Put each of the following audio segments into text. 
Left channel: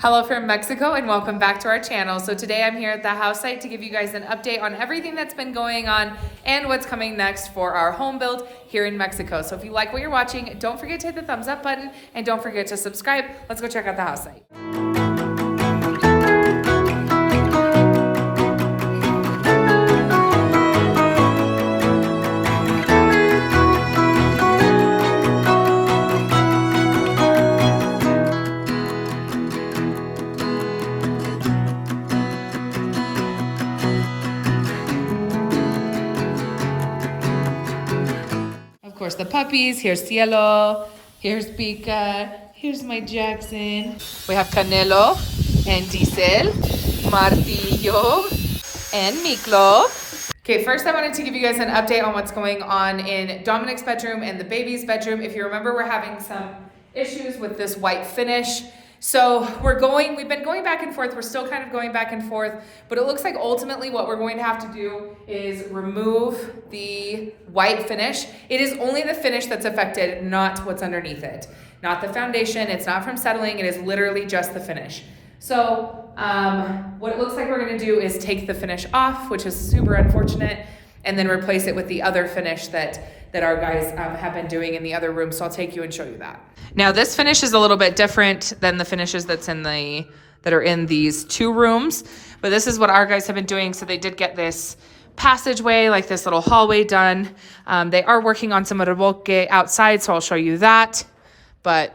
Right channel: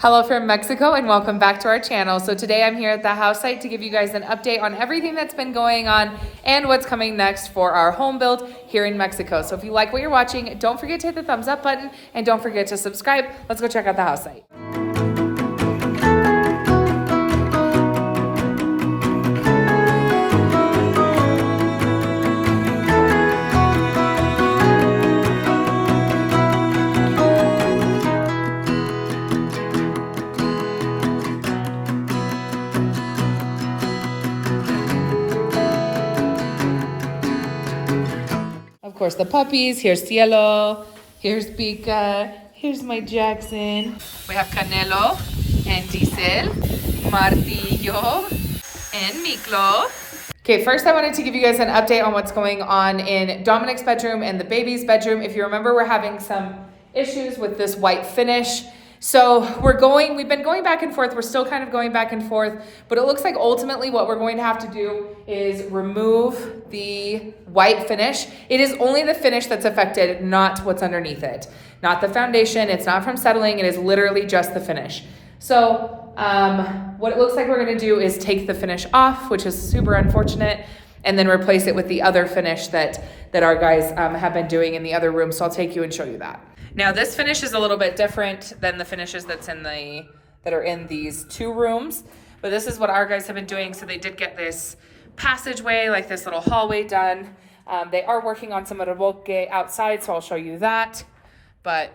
Hello from Mexico and welcome back to our channel. So today I'm here at the house site to give you guys an update on everything that's been going on and what's coming next for our home build here in Mexico. So if you like what you're watching, don't forget to hit the thumbs up button and don't forget to subscribe. Let's go check out the house site. Of course, the puppies. Here's Cielo. Here's Pika. Here's my Jackson. We have Canelo and Diesel, Martillo, and Miklo. Okay, first I wanted to give you guys an update on what's going on in Dominic's bedroom and the baby's bedroom. If you remember, we're having some issues with this white finish. So we've been going back and forth. We're still kind of going back and forth, but it looks like ultimately what we're going to have to do is remove the white finish. It is only the finish that's affected, not what's underneath it. Not the foundation, it's not from settling, it is literally just the finish. So what it looks like we're gonna do is take the finish off, which is super unfortunate, and then replace it with the other finish that our guys have been doing in the other room. So I'll take you and show you that. Now this finish is a little bit different than the finishes that are in these two rooms, but this is what our guys have been doing. So they did get this passageway, like this little hallway done. They are working on some revolque outside, so I'll show you that. But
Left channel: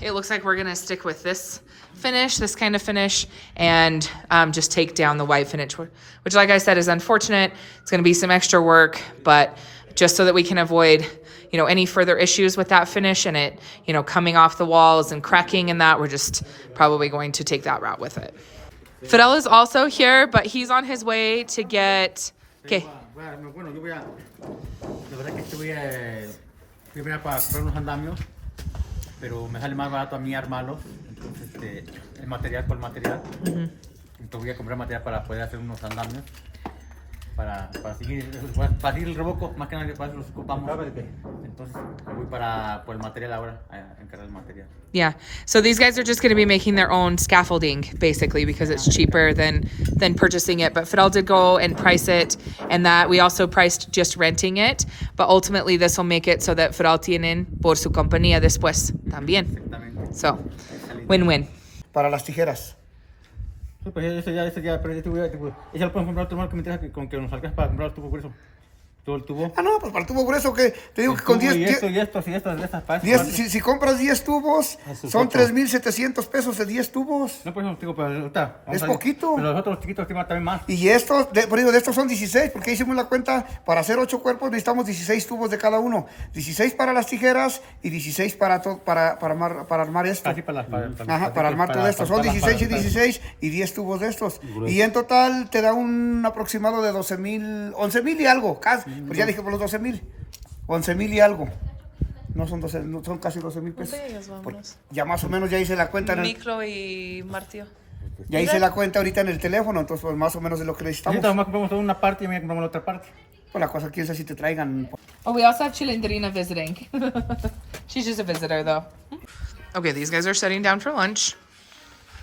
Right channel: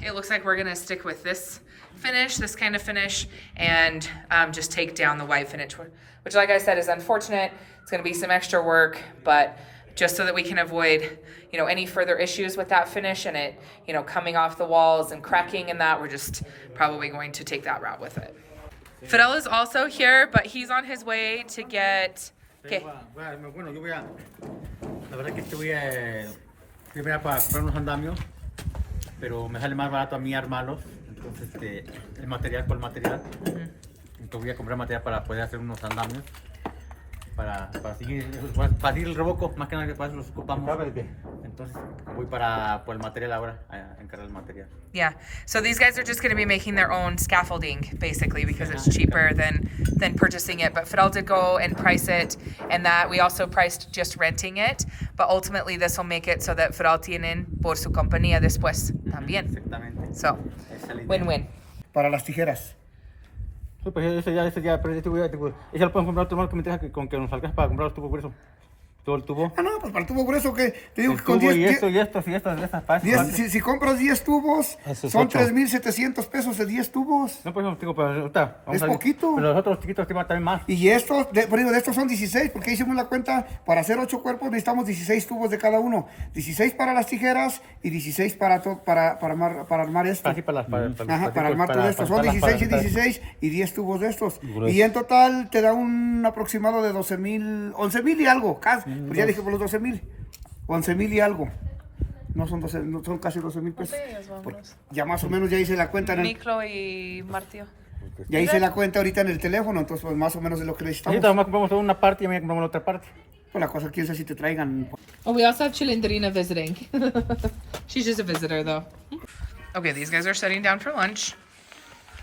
it looks like we're gonna stick with this finish, this kind of finish, and just take down the white finish, which like I said is unfortunate. It's gonna be some extra work, but just so that we can avoid any further issues with that finish and it coming off the walls and cracking and that, we're just probably going to take that route with it. Fidel is also here, but he's on his way to get... Okay. Bueno, yo voy a... La verdad que voy a para comprar unos andamios, pero me sale más barato a mí armarlos. Entonces, el material por el material. Entonces voy a comprar material para poder hacer unos andamios. Para seguir el revoco, más que nada para eso los ocupamos. Entonces voy por el material ahora, a encargar el material. Yeah, so these guys are just going to be making their own scaffolding basically because it's cheaper than purchasing it. But Fidel did go and price it, and that we also priced just renting it. But ultimately this will make it so that Fidel tienen por su compañía después también. Exactamente. So, win-win. Para las tijeras. Sí, pues ese ya, pero ese lo pueden comprar otro mal que me deja con que nos alcanza para comprar los tubos gruesos. Todo el tubo. Ah, no, pues para el tubo grueso que te digo el que con 10... Y estas partes. Si compras 10 tubos, son 3,700 pesos de 10 tubos. No, pues digo, pero ahorita... Es poquito. Pero los otros chiquitos también más. Y estos, de estos son 16, porque hicimos la cuenta, para hacer 8 cuerpos necesitamos 16 tubos de cada uno. 16 para las tijeras y 16 para armar esto. Así para armar todo esto. Son 16 y 16 y 10 tubos de estos. Y en total te da un aproximado de 11,000 y algo, casi. Pues ya dije por los 12,000, 11,000 y algo. No son 12, no son casi 12,000 pesos. Ya más o menos ya hice la cuenta. Micro y martillo. Ya hice la cuenta ahorita en el teléfono, entonces pues más o menos de lo que necesitamos. Ahorita compramos una parte y mañana compramos la otra parte. Pues la cosa, quién sabe si te traigan. Oh, we also have Chilindrina visiting. She's just a visitor though. Okay, these guys are sitting down for lunch.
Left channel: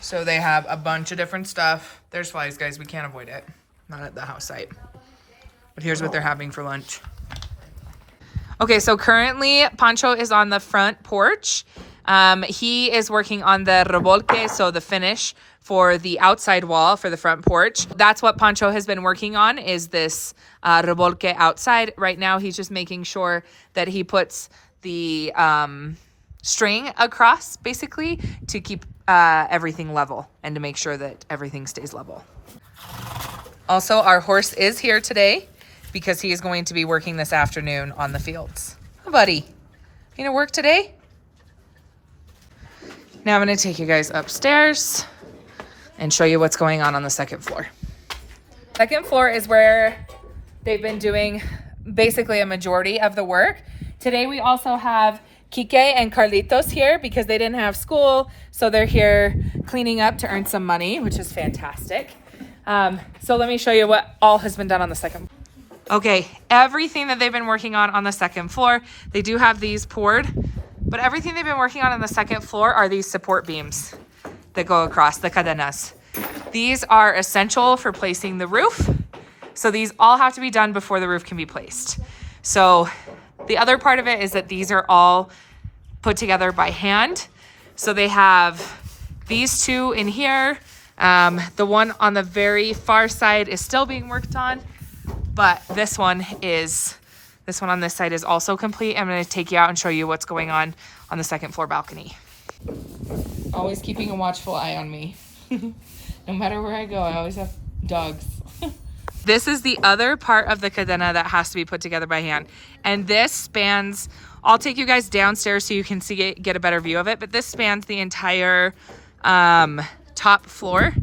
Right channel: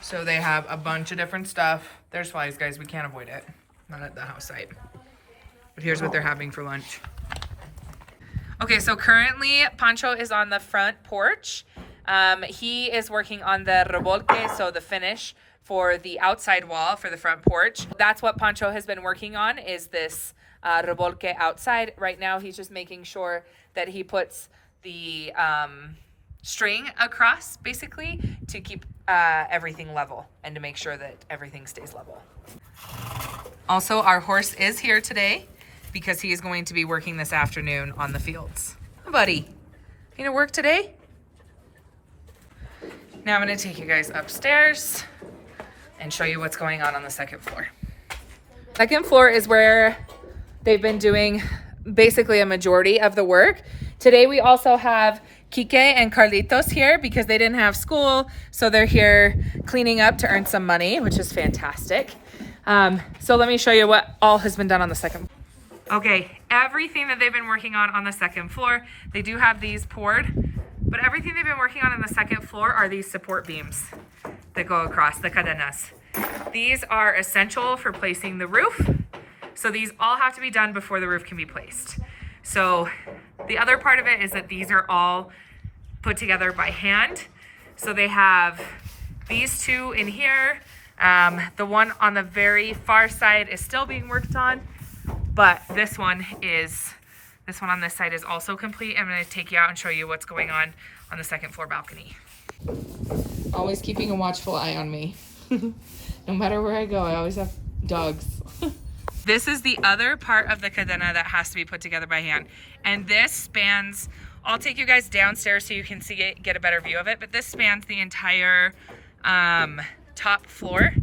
So they have a bunch of different stuff. There's flies, guys. We can't avoid it. Not at the house site. But here's what they're having for lunch. Okay, so currently Pancho is on the front porch. He is working on the revolque, so the finish for the outside wall for the front porch. That's what Pancho has been working on, is this revolque outside. Right now he's just making sure that he puts the string across basically to keep everything level and to make sure that everything stays level. Also, our horse is here today because he is going to be working this afternoon on the fields. Oh, buddy, you gonna work today? Now I'm gonna take you guys upstairs and show you what's going on the second floor. Second floor is where they've been doing basically a majority of the work. Today we also have Kike and Carlitos here because they didn't have school, so they're here cleaning up to earn some money, which is fantastic. So let me show you what all has been done on the second floor. Okay, everything that they've been working on the second floor, they do have these poured, but everything they've been working on the second floor are these support beams. that go across, the cadenas. These are essential for placing the roof. So these all have to be done before the roof can be placed. So the other part of it is that these are all put together by hand. So they have these two in here. The one on the very far side is still being worked on, but this one on this side is also complete. I'm gonna take you out and show you what's going on the second floor balcony. Always keeping a watchful eye on me. No matter where I go, I always have dogs. This is the other part of the cadena that has to be put together by hand. And this spans, I'll take you guys downstairs so you can see it, get a better view of it, but this spans the entire top floor,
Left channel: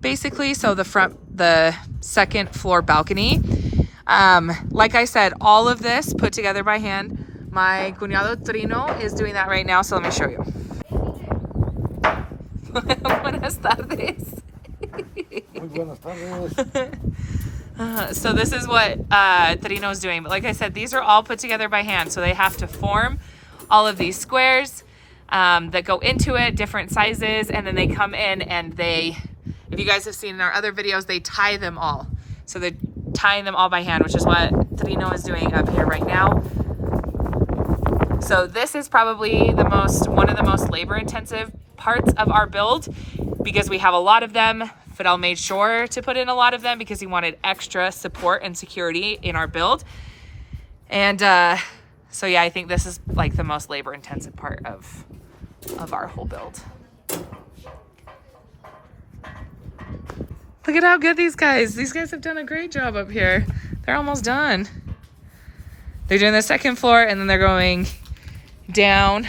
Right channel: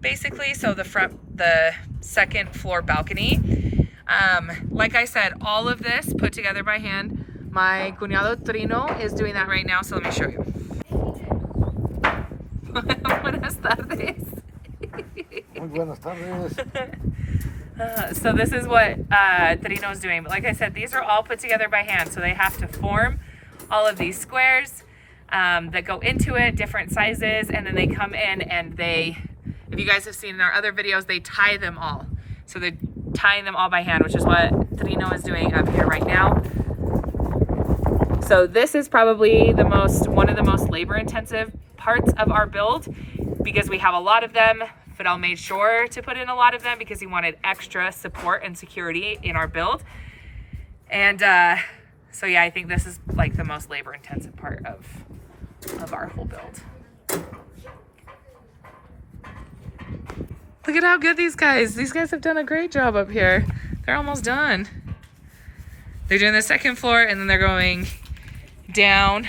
basically. So the second floor balcony. Like I said, all of this put together by hand. My cuñado Trino is doing that right now, so let me show you. Buenas tardes. Muy buenas tardes. So this is what Trino's doing. But like I said, these are all put together by hand. So they have to form all of these squares that go into it, different sizes. And then they come in and they, if you guys have seen in our other videos, they tie them all. So they're tying them all by hand, which is what Trino is doing up here right now. So this is probably one of the most labor intensive parts of our build because we have a lot of them. Fidel made sure to put in a lot of them because he wanted extra support and security in our build. And so yeah, I think this is like the most labor intensive part of our whole build. Look at how good these guys have done a great job up here. They're almost done. They're doing the second floor and then they're going down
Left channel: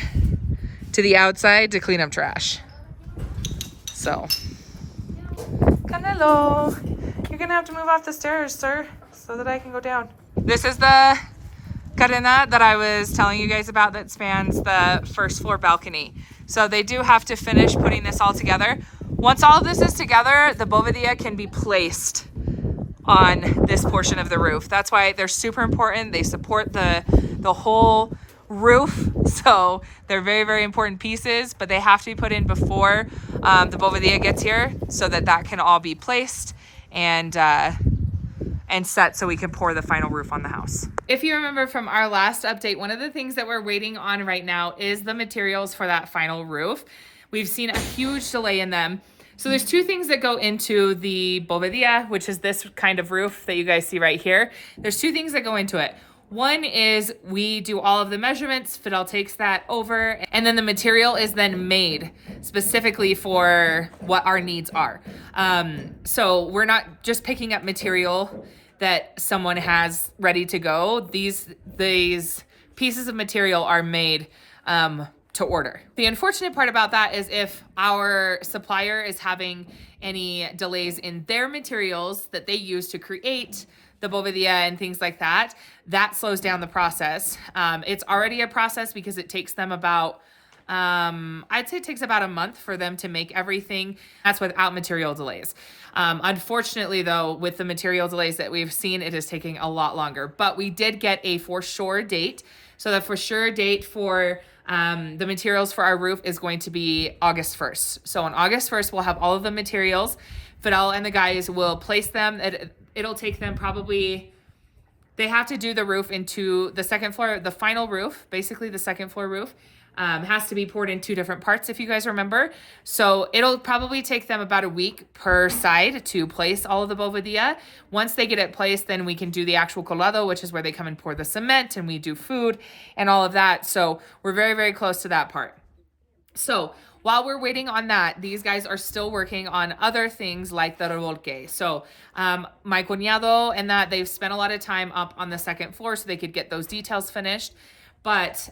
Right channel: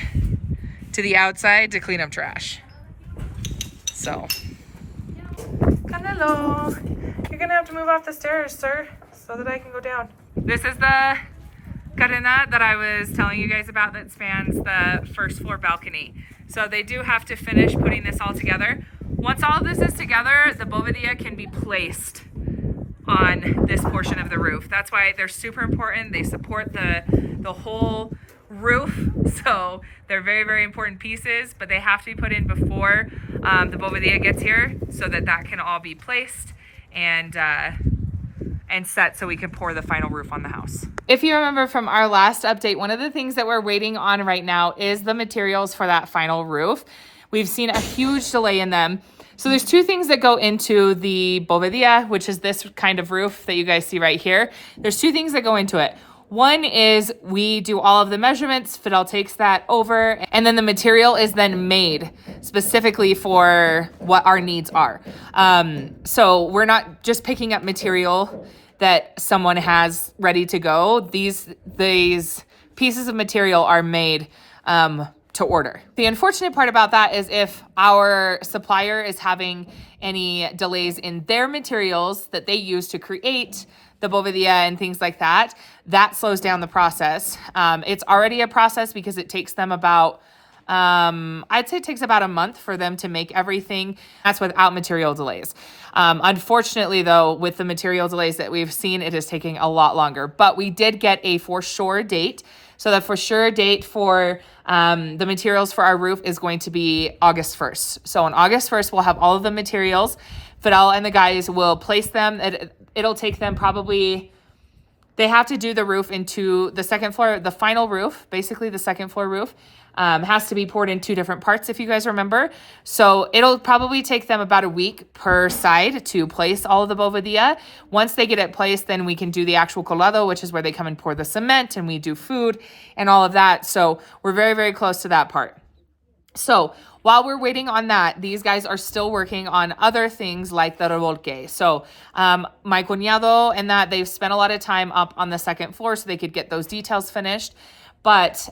to the outside to clean up trash. So, Canelo, you're gonna have to move off the stairs, sir, so that I can go down. This is the cadena that I was telling you guys about that spans the first floor balcony. So they do have to finish putting this all together. Once all of this is together, the bovadilla can be placed on this portion of the roof. That's why they're super important. They support the whole roof. So they're very, very important pieces, but they have to be put in before the bovadilla gets here so that can all be placed and set so we can pour the final roof on the house. If you remember from our last update, one of the things that we're waiting on right now is the materials for that final roof. We've seen a huge delay in them. So there's two things that go into the bovadilla, which is this kind of roof that you guys see right here. There's two things that go into it. One is we do all of the measurements, Fidel takes that over, and then the material is then made specifically for what our needs are. So we're not just picking up material that someone has ready to go. These pieces of material are made to order. The unfortunate part about that is if our supplier is having any delays in their materials that they use to create the bovadilla and things like that, that slows down the process. It's already a process because it takes them about, I'd say it takes about a month for them to make everything. That's without material delays. Unfortunately though, with the material delays that we've seen, it is taking a lot longer, but we did get a for sure date. So the for sure date for the materials for our roof is going to be August 1st. So on August 1st, we'll have all of the materials. Fidel and the guys will place them. It'll take them probably, they have to do the roof into the second floor, the final roof, basically the second floor roof. Has to be poured in two different parts, if you guys remember. So it'll probably take them about a week per side to place all of the bovadilla. Once they get it placed, then we can do the actual colado, which is where they come and pour the cement and we do food and all of that. So we're very, very close to that part. So while we're waiting on that, these guys are still working on other things like the revolque. So my cuñado and that, they've spent a lot of time up on the second floor so they could get those details finished. But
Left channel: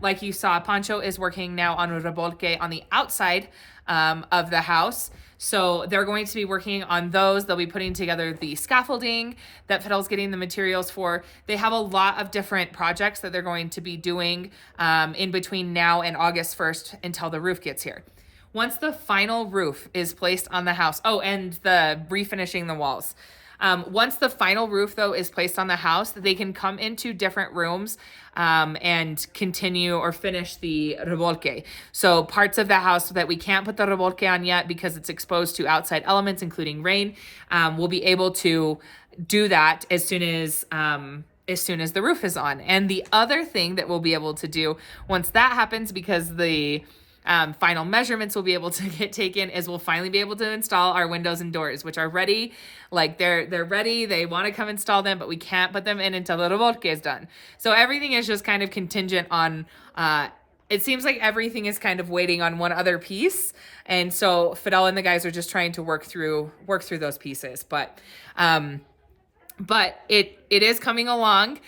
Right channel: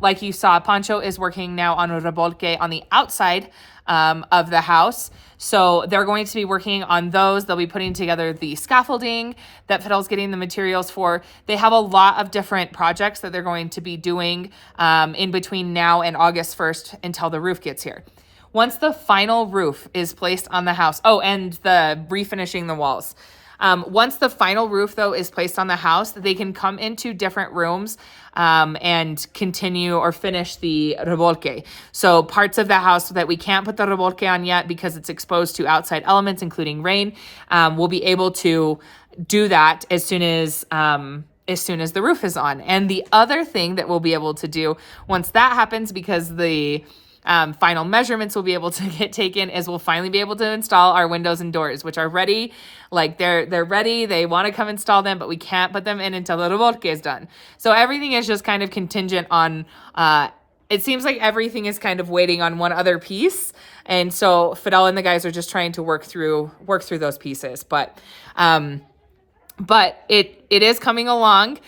like you saw, Pancho is working now on a revolque on the outside of the house. So they're going to be working on those. They'll be putting together the scaffolding that Fidel's getting the materials for. They have a lot of different projects that they're going to be doing in between now and August 1st until the roof gets here. Once the final roof is placed on the house, and the refinishing the walls. Once the final roof, though, is placed on the house, they can come into different rooms and continue or finish the remolque. So parts of the house that we can't put the remolque on yet because it's exposed to outside elements, including rain, we'll be able to do that as soon as the roof is on. And the other thing that we'll be able to do once that happens, because the final measurements will be able to get taken, is we'll finally be able to install our windows and doors, which are ready. Like they're ready. They want to come install them, but we can't put them in until the remolque is done. So everything is just kind of contingent on, it seems like everything is kind of waiting on one other piece. And so Fidel and the guys are just trying to work through those pieces. But it is coming along.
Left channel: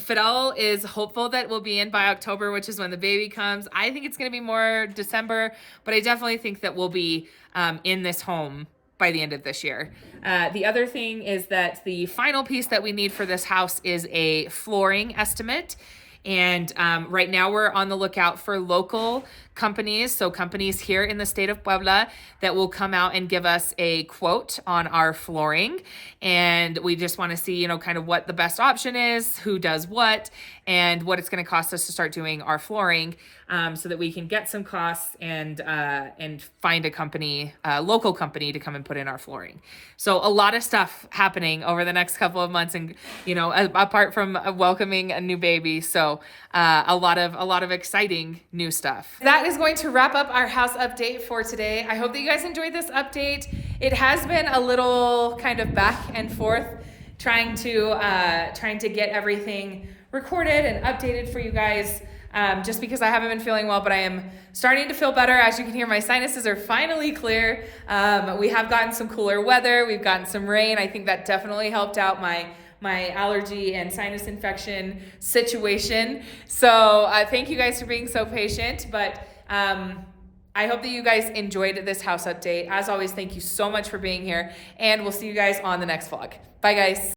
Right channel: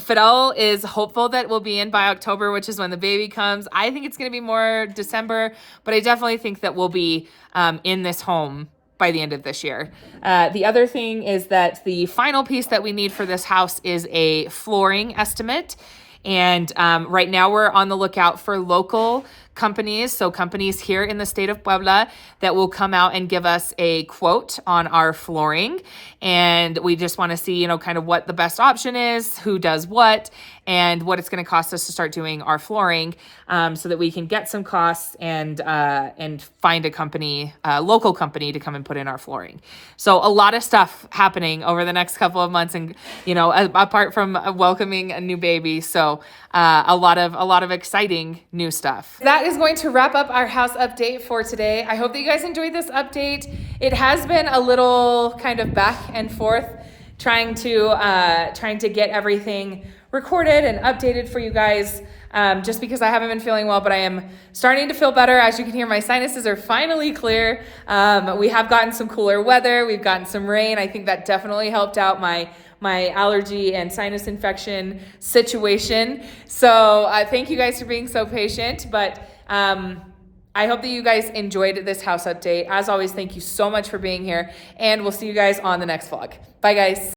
Fidel is hopeful that we'll be in by October, which is when the baby comes. I think it's going to be more December, but I definitely think that we'll be in this home by the end of this year. The other thing is that the final piece that we need for this house is a flooring estimate. And right now we're on the lookout for local companies, so companies here in the state of Puebla that will come out and give us a quote on our flooring. And we just want to see, kind of what the best option is, who does what, and what it's going to cost us to start doing our flooring, so that we can get some costs and find a company, a local company, to come and put in our flooring. So a lot of stuff happening over the next couple of months, and apart from welcoming a new baby, so a lot of exciting new stuff. That is going to wrap up our house update for today. I hope that you guys enjoyed this update. It has been a little kind of back and forth trying to get everything recorded and updated for you guys, just because I haven't been feeling well, but I am starting to feel better. As you can hear, my sinuses are finally clear. We have gotten some cooler weather. We've gotten some rain. I think that definitely helped out my allergy and sinus infection situation. So thank you guys for being so patient, but I hope that you guys enjoyed this house update. As always, thank you so much for being here, and we'll see you guys on the next vlog. Bye, guys.